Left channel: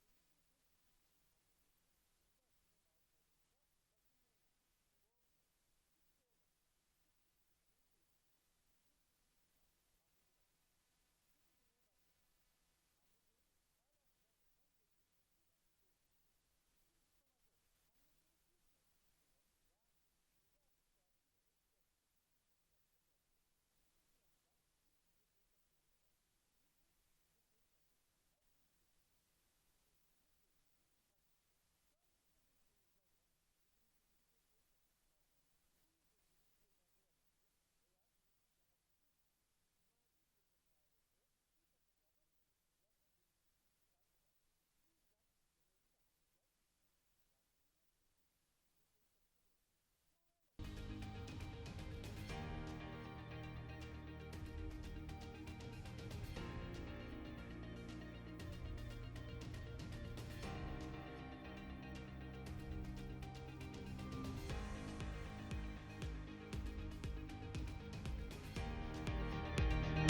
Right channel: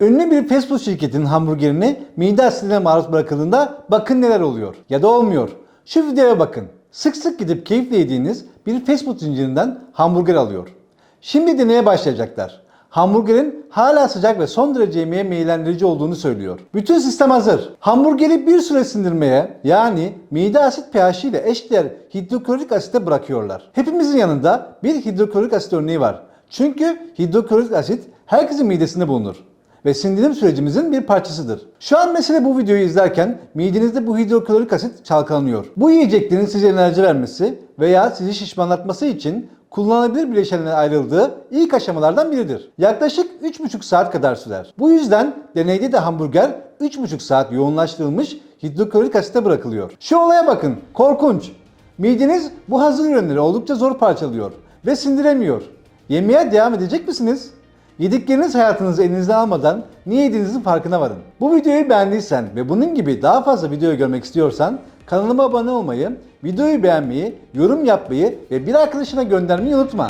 Ünlü bir fast food şirketinin hamburgerini mide asidine maruz bırakıldığında bakın neler oluyor ya da olmuyor. Şu videoya bakın. Sık sık gidip keyifle yediğiniz bir fast food zincirinden hamburger alıyor. Şimdi deneye başlayacaklar. Hamburgerin hala sıcak ve son derece yemeğe meyillendirici olduğunu söylüyor. Bütün sistem hazır. Hamburgeri bir süre sindirmeye yani mide asit pH ile eşdeğer hidroklorik asite bırakıyorlar. Hepimizin yanında bir hidroklorik asit örneği var. Çünkü hidroklorik asit herkesin midesinde bulunur ve sindirim sürecimizin bir parçasıdır. Şu an mesela bu videoyu izlerken midenizde bu hidroklorik asit çalkalanıyor. Bu yiyeceklerin size enerji vermesi veya sizi şişmanlatması için kullanılabilir bileşenlere ayrıldığı ilk aşamalardan biridir. Yaklaşık 3,5 saat kadar sürer. Bu yüzden deneyde de hamburger 3,5 saat yoğunlaştırılmış hidroklorik asite bırakılıyor. Şu olaya bakın, korkunç. Mideniz bu hazır ürünleri oldukça zor parçalıyor ve sindiremiyor. Yemeye devam edecek misiniz? Yedikleriniz hayatınızı elinizden almadan niye yediğinizin farkına varın. Bu videoyu beğendiysen ve bunun gibi daha fazla video görmek istiyorsan kanalıma abone olmayı, videoyu beğenmeyi, yorum yapmayı ve bir arkadaşına göndermeyi unutma.